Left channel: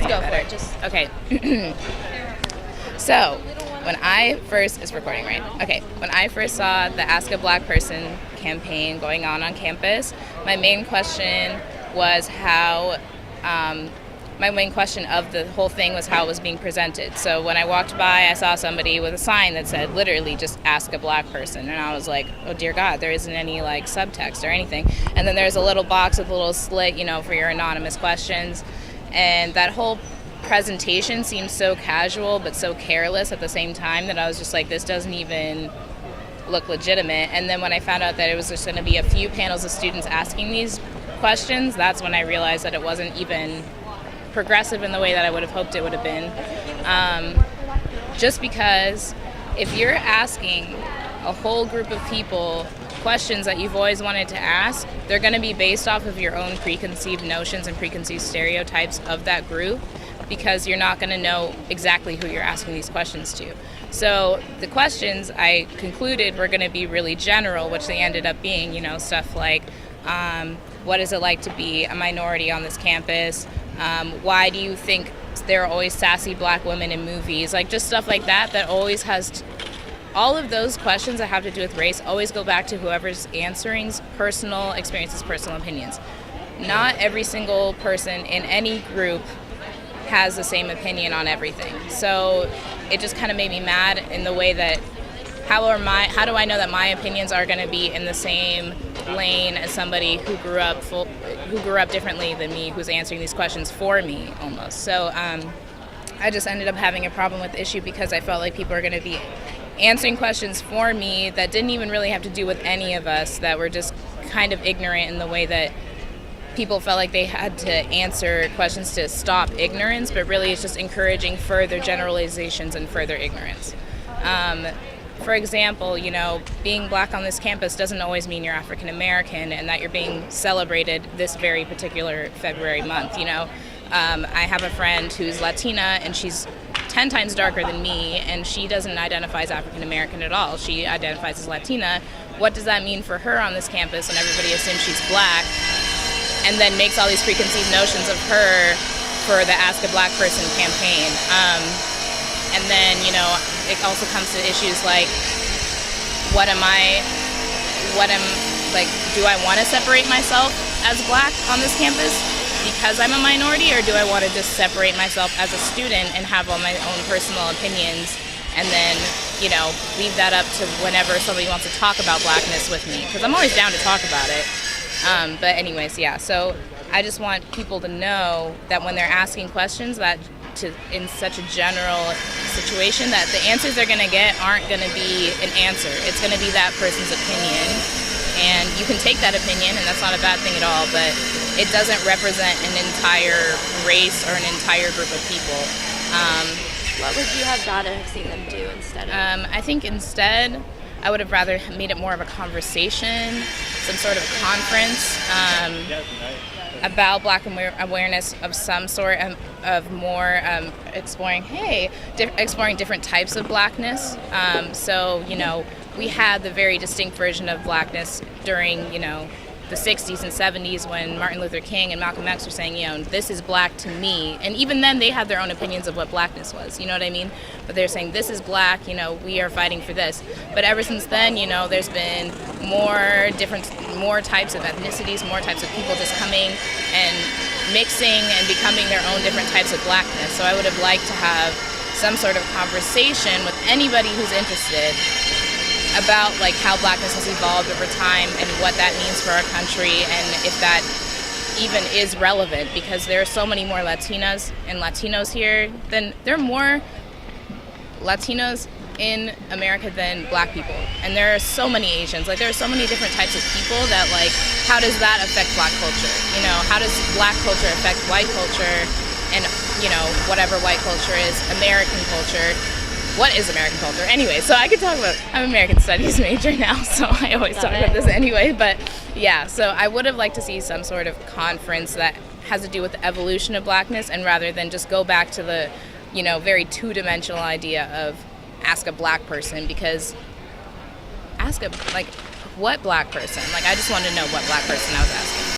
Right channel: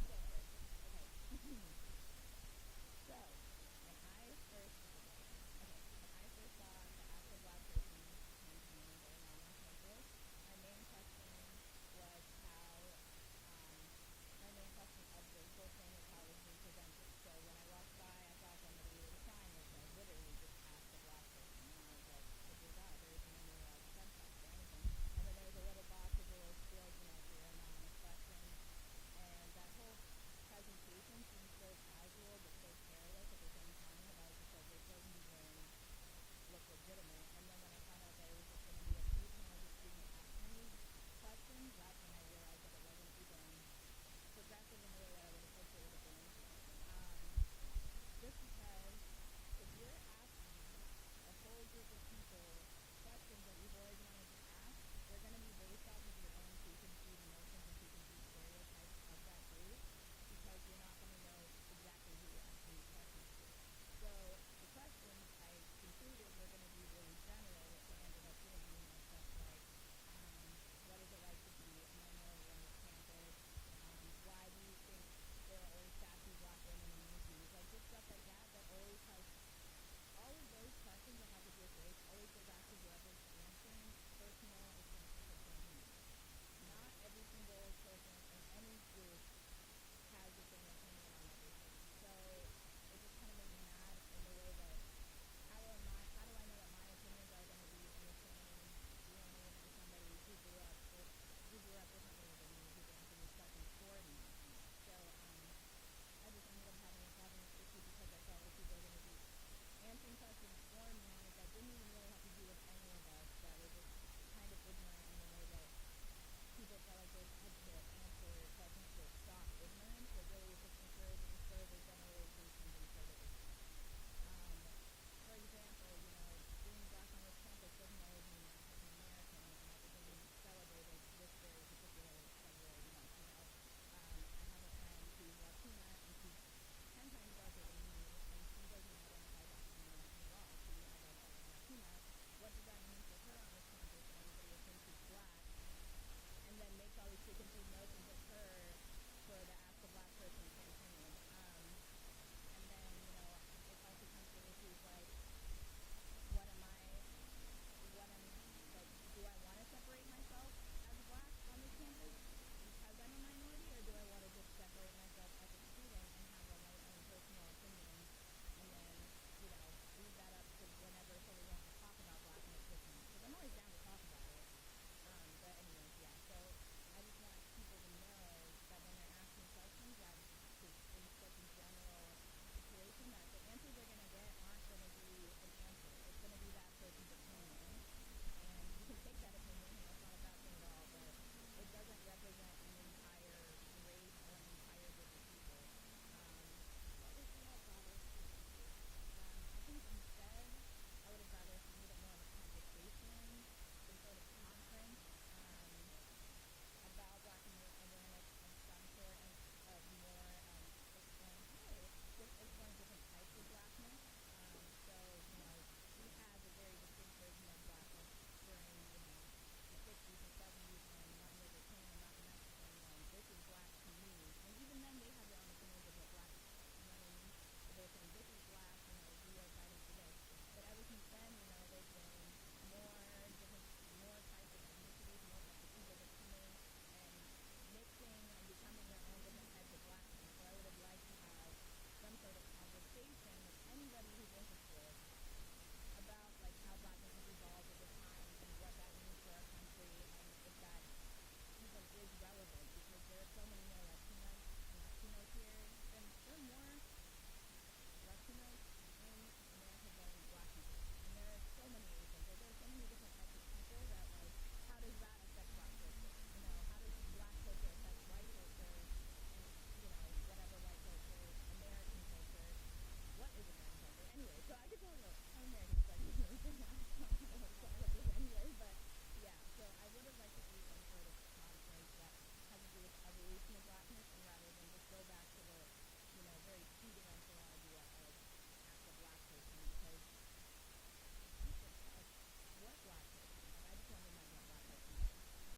Just understand go it for better. it. Just Okay. So, when I first, it's recording, right? Okay. When I first saw the Ask a Black Person campaign going on campus, my main question was my main question of the whole thing was how it was being presented. So when I walked by, I saw somebody with a sign that said literally just ask a black person. And I was like, oh dear God, there isn't any like subtext or anything. And then there's a little box with a little slit, for your anonymous questions. And that whole presentation seemed so casual but so careless at the same time that I was just like, this doesn't even look legitimate. And then when I found out that it was just going to be a few panels of students asking these questions, that's when I realized that it wasn't even progressive in the way that I would have hoped it would have been. Just because if you're asking a whole group of people questions that you've always wanted to ask, they're going to be based off of your own preconceived notions and preconceived stereotypes of that group, because you're not going to know exactly who you're asking these questions to. So the questions I concluded were going to be really general, which they ended up being, stuff like, what is it like to be a minority on this campus? Why do you think there are always sassy black women in movies? Like just stuff like that always has all of those questions that have to do with race always go back to whoever's answering's personal experiences, personal opinions. Not every single person in any group has the same opinion on everything. So it just kind of made me mad in the way that how do I know that my opinions are going to be in the same lane as somebody who grew up differently than me, who's answering these questions for me almost. So I just ended up having a problem with the issue because I felt like people are going to be answering questions for me that didn't even really have to do with any of us, that were just kind of ignorant in the way that people felt like they had to answer questions to stop ignorance, but really it's just encouraging further generalizations and further ignorance. For example, being black on this campus doesn't always mean you're African American and that you're being celebrated this very particular February month. I have a friend who's Latina and she's 10 times darker than me, and she doesn't identify as African American at all. She identifies as Latina. What does that mean for her on this campus when everybody assumes she's black, and then makes all these preconceived notions of her for the Ask a Black Person campaign? And then, it also comes to issues like, do I want to separate myself as black on this campus because I'm a minority, or do I want to just separate myself as a student and have all my own personal opinions and then, leave that up to whenever somebody wants to talk about blackness with me? Because I'm always down to talk about it. But anyways, yeah, so I just want people to know that when they're asking questions in such a general situation, that the answers they're going to get aren't going to be an answer. It's going to be that person's opinion. And you can take that opinion, and that's not a bad thing at all, but it doesn't represent an entire race or an entire group of people. what would you have rather have seen them do instead of? I think instead, I would have rather made it more of a conversation, some sort of conference about Black awareness of some sort, of more exploring different types of Blackness. So, we had the very distinct version of Blackness during, the 60s and 70s when Martin Luther King and Malcolm X were saying, this is Black to me. And even then they had their own opinions of what Blackness was, you know what I mean? But they're saying, this is Black, we are fighting for this. But ever since then, there's been more types of ethnicities, more types of people just coming and mixing and becoming their own different types of Blackness. So I would have liked to have some sort of conversation with anybody who's interested about how Blackness has evolved over time and what that means for our country, and if that even is relevant, because there are so many more Latinas and Latinos here there are more Latinos in America than Black people, and there are so many Asians. There are so many different types of people that how does that affect Black culture? How does Black culture affect white culture, and whatever white culture is, American culture? What is American culture? Anyway, so I could talk about, I'm an American Studies major now, so I always talk about this anyway, but yeah, so I would have liked to see some sort of conference that has to do with the evolution of Blackness, and rather than just go back to the, very two-dimensional idea of ask a Black person, because what Black person? I just wanted to know what Black person I was asking.